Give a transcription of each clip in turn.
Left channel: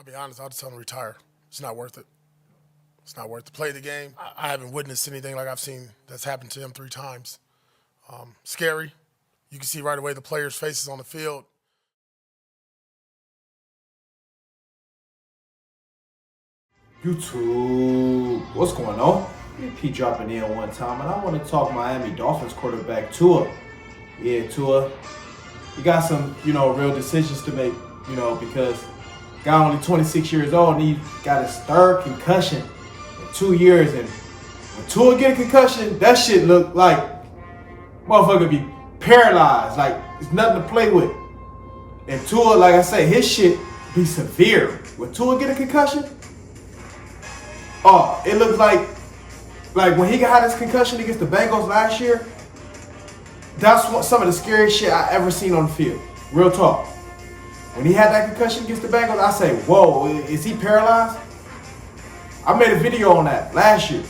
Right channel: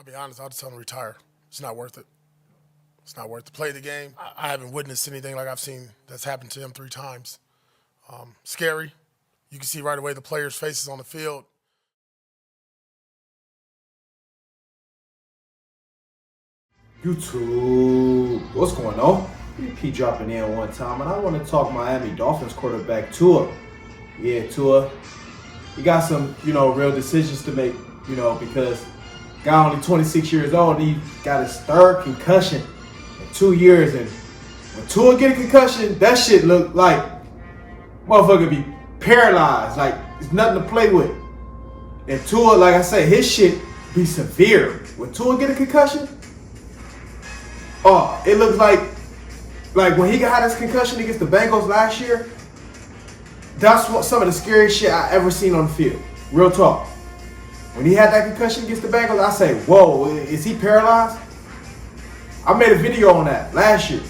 I'll be honest, I'll just tell him to retire. It's not worth it. It's not worth to play the game. I haven't witnessed anything like I've seen that's happened to him 3 times. Scary. You can see right away the players' faces on the field. YouTube, what's going on? BP dropping in one time, and I want to talk Miami Dolphins quarterback Tua. Yeah, Tua. He got some, real decisions to make, because guy only 26 years old and he got his 3rd concussion in 2 years. And when Tua get a concussion, that shit look like motherfucker be paralyzed. Like, it's nothing to play with. And Tua, like I say, his shit be severe. When Tua get a concussion, it looks like when he got his concussion against the Bengals last year, that's some of the scariest shit I ever seen on the field. Real talk. When he had that concussion against the Bengals, I say, whoa, is he paralyzed? I made a video on that last year.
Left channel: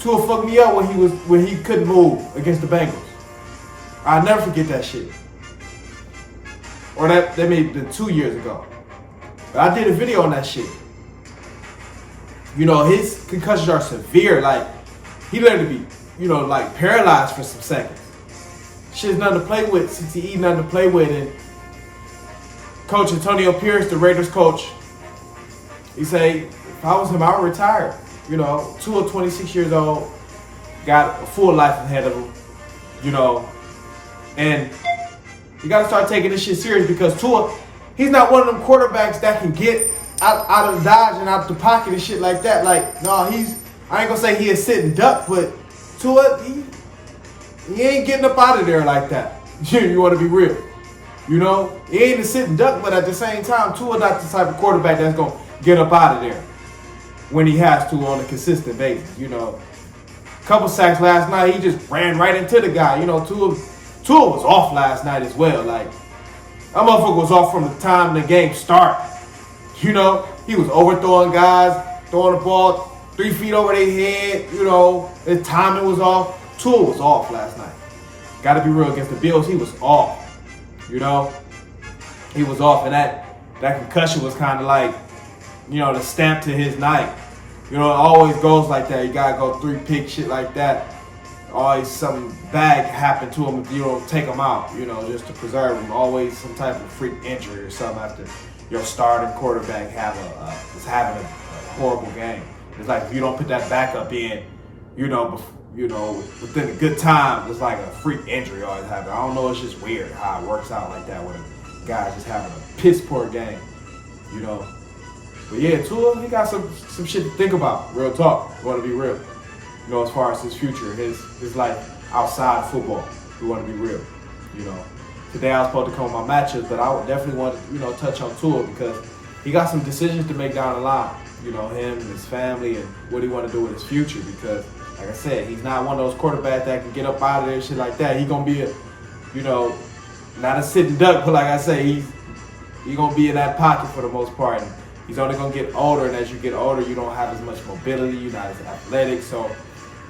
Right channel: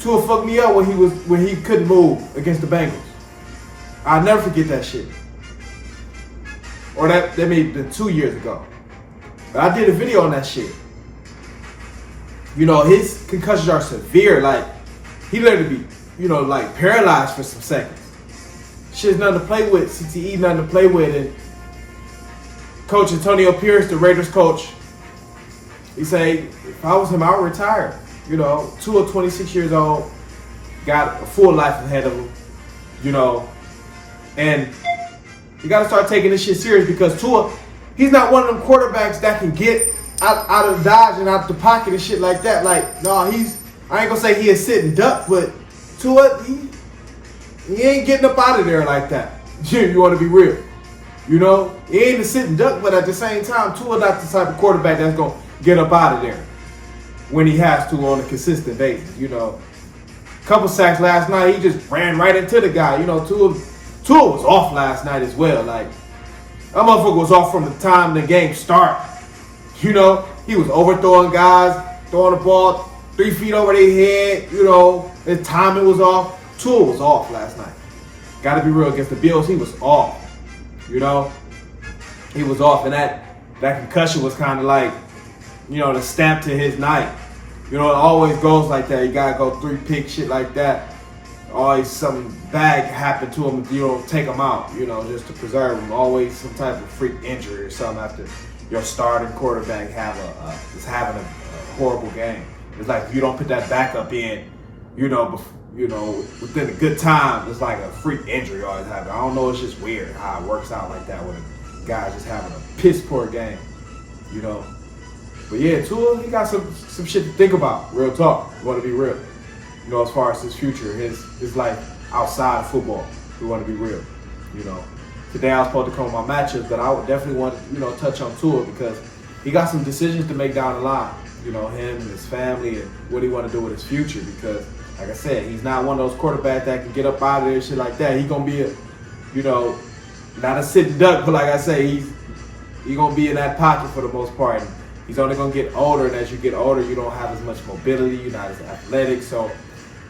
Tua fucked me up when he couldn't move against the Bengals. I'll never forget that shit. Or that may be 2 years ago. But I did a video on that shit. His concussions are severe. Like, he literally be, paralyzed for some seconds. Shit's nothing to play with. CTE, nothing to play with. And Coach Antonio Pierce, the Raiders coach, he say, if I was him, I would retire. Tua, 26 years old, got a full life ahead of him, and you got to start taking this shit serious because Tua, he's not one of them quarterbacks that can get out of dodge and out the pocket and shit like that. Like, no, I ain't gonna say he is sitting duck, but Tua, he ain't getting up out of there like that. You want to be real. He ain't a sitting duck, but at the same time, Tua not the type of quarterback that's gonna get up out of there when he has to on a consistent basis. Couple sacks last night, he just ran right into the guy. Tua was off last night as well. Like, that motherfucker was off from the time the game started. He was overthrowing guys, throwing the ball 3 feet over their head. His timing was off. Tua was off last night. Got to be real, against the Bills, he was off. He was off, and that concussion was kind of like, the stamp to his night. It always goes like that. You got to go 3-pick, shit like that. Always something bad happen to him if you don't take him out, just to preserve him. Always some type of freak injury or something after your starting quarterback is having a horrible game. It's like if you don't put that backup in, within a good time, it's like a freak injury always happens. I don't know, it's just weird how it works out like that when a guy just having a piss poor game, But yeah, Tua, he got some shit to think about. Real talk. We want to be real. As far as his future, his life outside of football. We want to be real. Today I was supposed to come with my matchups, but I would definitely want to, touch on Tua because he got some decisions to make down the line. Him and his family and what he want to do with his future because, like I said, he's not one of those quarterbacks that can get up out of there and shit like that. He's going to be not a sitting duck, but like I say, he's going to be in that pocket for the most part. And he's only going to get older, and as you get older, you don't have as much mobility, you're not as athletic, so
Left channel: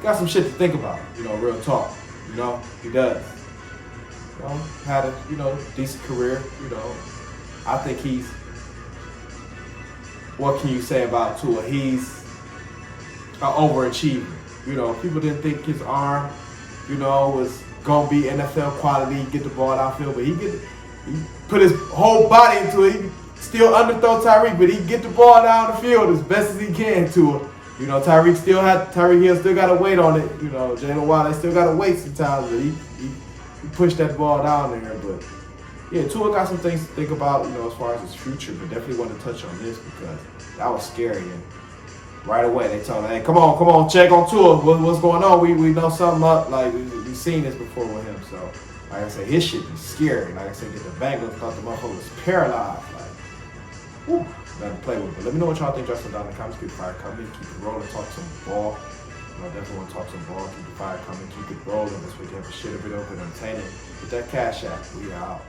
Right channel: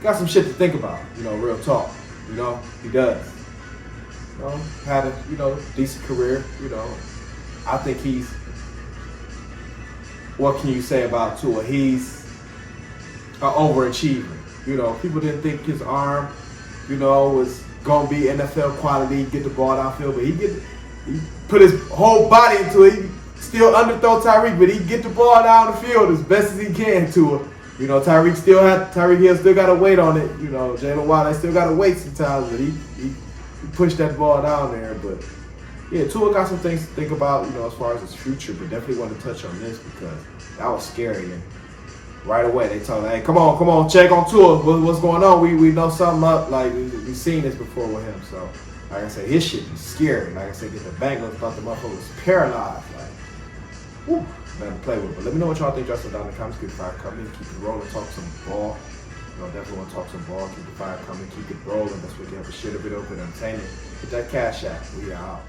got some shit to think about, real talk. He does. Had a, decent career, I think what can you say about Tua? He's an overachiever. People didn't think his arm, was going to be NFL quality, get the ball downfield, but he put his whole body into it. He still underthrow Tyreek, but he get the ball down the field as best as he can to it. Tyreek Hill still got to wait on it. Jalen Waddle, they still got to wait sometimes, but he pushed that ball down there. But yeah, Tua got some things to think about, as far as his future, but definitely want to touch on this because that was scary. And right away, they told him, hey, come on, check on Tua. What's going on? We know something up. Like, we've seen this before with him. So, like I said, his shit is scary. Like I said, get the Bengals, thought the motherfucker was paralyzed. Like, whew, nothing to play with. But let me know what y'all think. Just down in the comments. Keep the fire coming. Keep it rolling. Talk some ball. Definitely want to talk some ball. Keep the fire coming. Keep it rolling. That's what you have to shit a bit open. Entertainment. Get that cash out. We are out.